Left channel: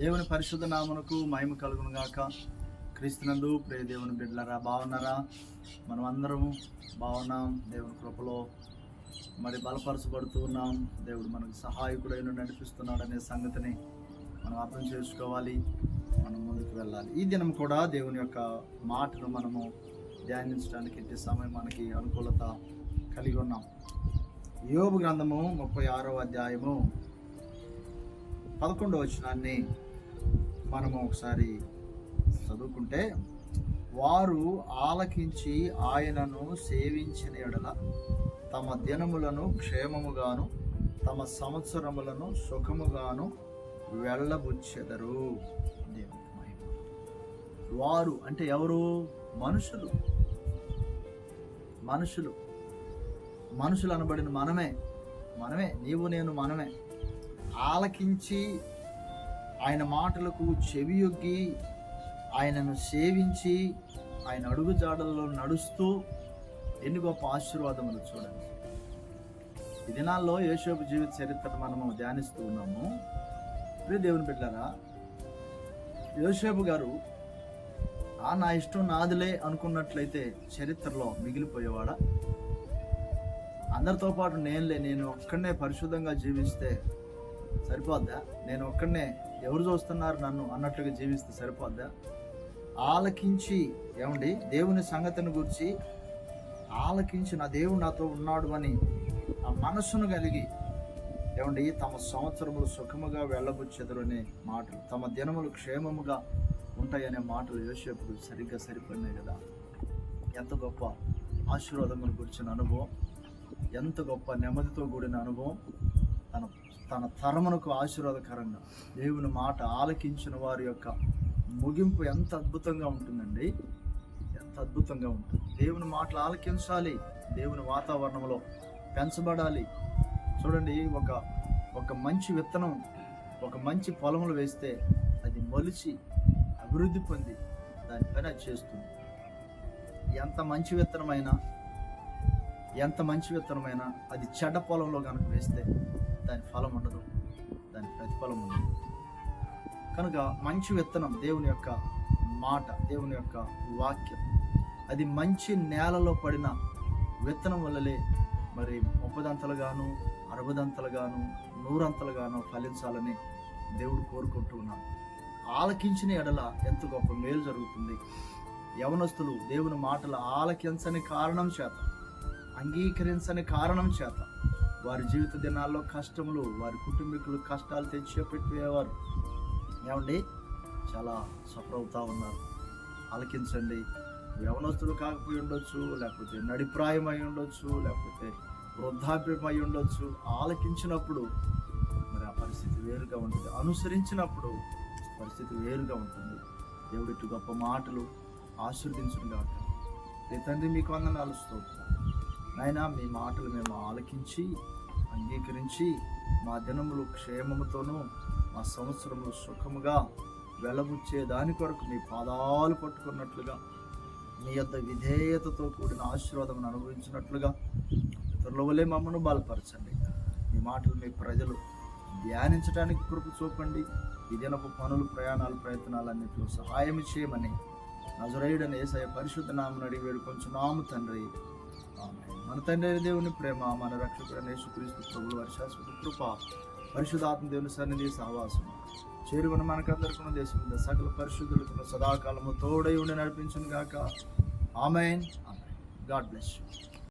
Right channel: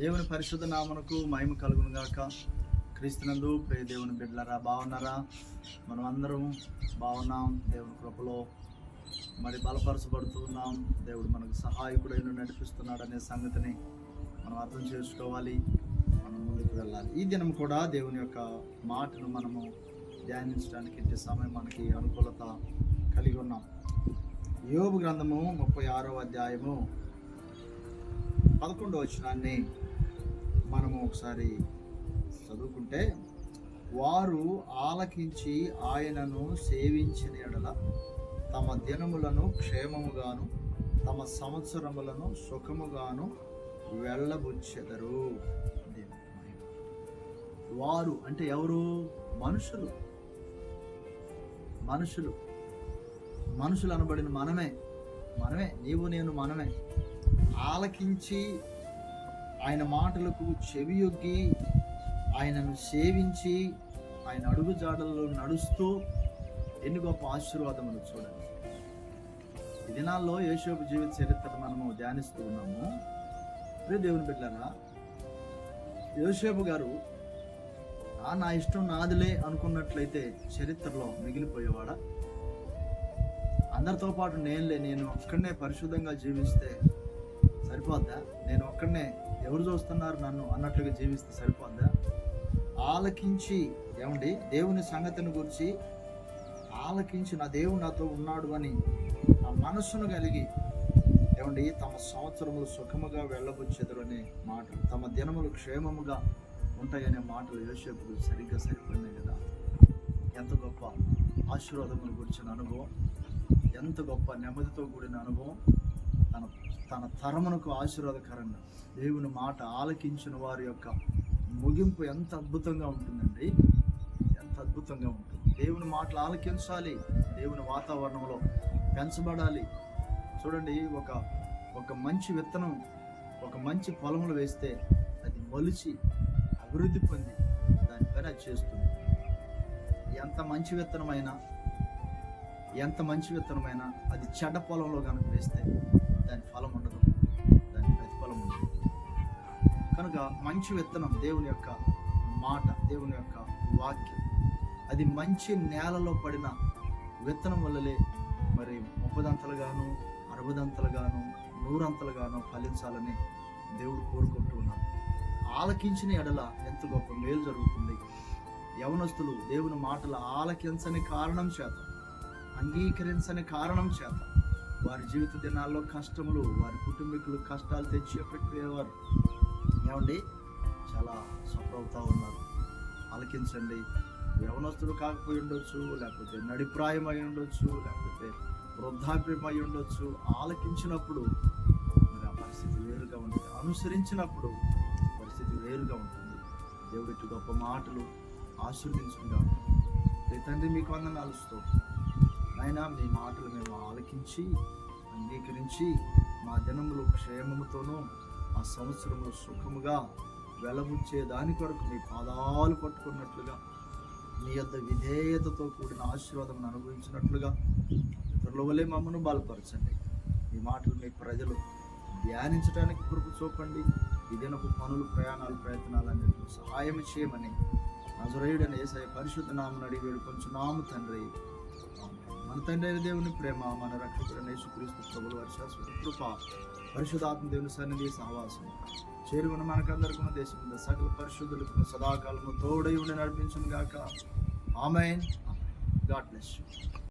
దేవుని పరిశుద్ధ నామనకు మహిమ కలుగును గాక. క్రీస్తునందు ప్రే దేవుని బిడ్డలరా బాగున్నారా? మనం అందరం బాగున్నాం. దేవుని కృపలో మరి బలపరచబడుతూ ఉన్నాం. దేవుడు మనకు సహాయకుడైన నడిపిస్తున్నాడనే సంగతిని మనం అర్థం చేసుకోవాలి. మనం ముందుకు వెళ్ళాలి. ఈ దినం కూడా దేవుని యొక్క మాటను మనము ధ్యానించడానికి ఇంటి సమయం మనకి అనుకూలత కలిగి ఉన్నాం. యోబు గ్రంథము ముప్పై ఆరో అధ్యాయము పదకొండవ వచనాన్ని మనము ఒకసారి చదువుకుంటే వారు ఆలకించి ఆయనను సేవించిన ఎడల తమ దినములను క్షేమముగాను తమ సంవత్సరములను సుఖముగాను వెళ్ళబుచ్చెదరు. మహిమ. వారు అంటే ఎవరు? మనుషులు. మనుషులు. మనుషులు అనబడిన మనమే. మనమే. నీవు నేను మనమే. ఆలకించి ఆయన మాటలకు చెవియొగ్గి ఆయనను సేవించి ఆయన అడుగు జాడల్లో నడుస్తూ ఎన్ని గొప్ప ఆశీర్వాదములు చూడండి. ఈ దినాల్లో యేషోపు జీవిత చరిత్ర మనము ధ్యానిస్తూ ఉన్నాము. ప్రియ దేవుని బిడ్డారా యోసేపు గారు ఆ నా ఇష్టం నాదిలే అనుకున్నట్లయితే చరిత్రలో మిగిలిపోయేవాడా? అందరితో పాటు నేనులే నేను ఒక్కడనే పరిశుద్ధంగా జీవిస్తే సరిపోద్దా? నేను ఒక్కడనే ఎవరు చూస్తున్నారు నన్ను అన్నట్లుగా జీవిస్తే సరిపోద్దా? ఆలకించి ఏమండి? దేవుని సంగతిని గురించి ఆలకించి నా దేవుడు నాతో ఉన్నాడు అని ఆ మనస్సును కలిగి ఏమండి? తమ సంవత్సరములు సుఖముగా వెళ్ళబుచ్చెదరు అనే మాటలు తమ దినములు క్షేమముగా ఉంటాయనే మాటలు యోసేపుకు సరిగ్గా సరిపడినాయి కదా? ఎంత గొప్ప ఆశీర్వాదమును గురించిన అనుభవం ఎంత గొప్ప నెమ్మదితో కూడిన అనుభవం తన తరమునకు ఆశీర్వాదకరంగా దేవుని మాట ఆలకించిన వారి యొక్క ముగింపు ఎంత అద్భుతంగా ఉంటుందండి. ఎంత అద్భుతంగా ఉంటుంది. దేవుని మాటలు ఆలకించాలి. దేవుని వాతావరణంలో పెంచబడాలి. చూడండి ఒక ఒక మంచి విత్తనం ఒక మంచి పొలంలో వేస్తే అది మొలిచి అభివృద్ధి పొంది దానిపైన అది చేస్తుంది. ఎంత మంచి విత్తనమైనా ఎంత మంచి విత్తనమైనా అది చెడ్డ పొలంలో కనుక వేస్తే కనుక మంచి విత్తనం దేవుని యొక్క మాట దేవుని యొక్క వాక్యం. అది మంచి నేలలో పడిన విత్తనం వల్లలే మరి ముప్పదంతలుగాను అరవదంతలుగాను నూరంతలుగాను ఫలించాలని దేవుడు కోరుకుంటూ ఉన్నాడు. ఆలకించిన ఎడల ఎంత గొప్ప మేలు జరుగుతుంది. యవనస్తులు దేవుని మాటలు ఆలకించని కారణం చేత అంగీకరించని కారణం చేత వారి జీవిత దినాల్లో కష్టములు వారి కుటుంబీకులు కష్టాలు తెచ్చి పెట్టేవారు ఏమండి? చాలా సఫర్ అవుతూ ఉన్నారు. ఆలకించండి. యవనస్తుడు కాకపోయి ఉండొచ్చు లేకపోతే నడిప్రాయం అయి ఉండొచ్చు లేకపోతే వృద్ధాప్యం అయి ఉండొచ్చు. ఆలకించినప్పుడు మరి ఆ పరిస్థితి వేరుగా ఉంటుంది. అనుసరించినప్పుడు పరిస్థితి వేరుగా ఉంటుంది. దేవుడికి గొప్ప మాటలు ఆశీర్వదించును కాక తండ్రి మీకు వందనాలు స్తోత్రం. ఆయన మీ మాటలు మేము ఆలకించి అంగీకరించి మా దినములు క్షేమముతోనూ ఆ సంవత్సరంలో సుఖముగా వెలబుచ్చే దాని కొరకు మీ పాదాలు పట్టుకున్నట్లుగా మీ యొక్క విధేయతతో కూడిన ఆశీర్వాదం అనుభవించినట్లుగా ఇతరుల వల్లే మమ్మను బలపరచండి. మీ మాటలు మీ ప్రజలు ధ్యానించడానికి కృప చూపండి. ఈ దినపు పనులు ప్రయాణాలు ప్రయత్నాలన్నింటిలో సహాయం చేయమని నజరేయుడని ఏసయ పరిశుద్ధ నామను అడిగి వేడుకొంచున్నాము తండ్రి. మన తండ్రి అయిన దేవుని ప్రేమ మన రక్షకుడైన యేసుక్రీస్తు ప్రభుల వారి శాశ్వత కృప పరిశుధాత్మ దేవుని సన్నిధి సహవాసం. చేరుకున్న మనకందరికీ దేశం సకల పరిశుద్ధులకు సదాకాలము తోడై ఉండి నడిపించును గాక ఆమెన్. God bless you.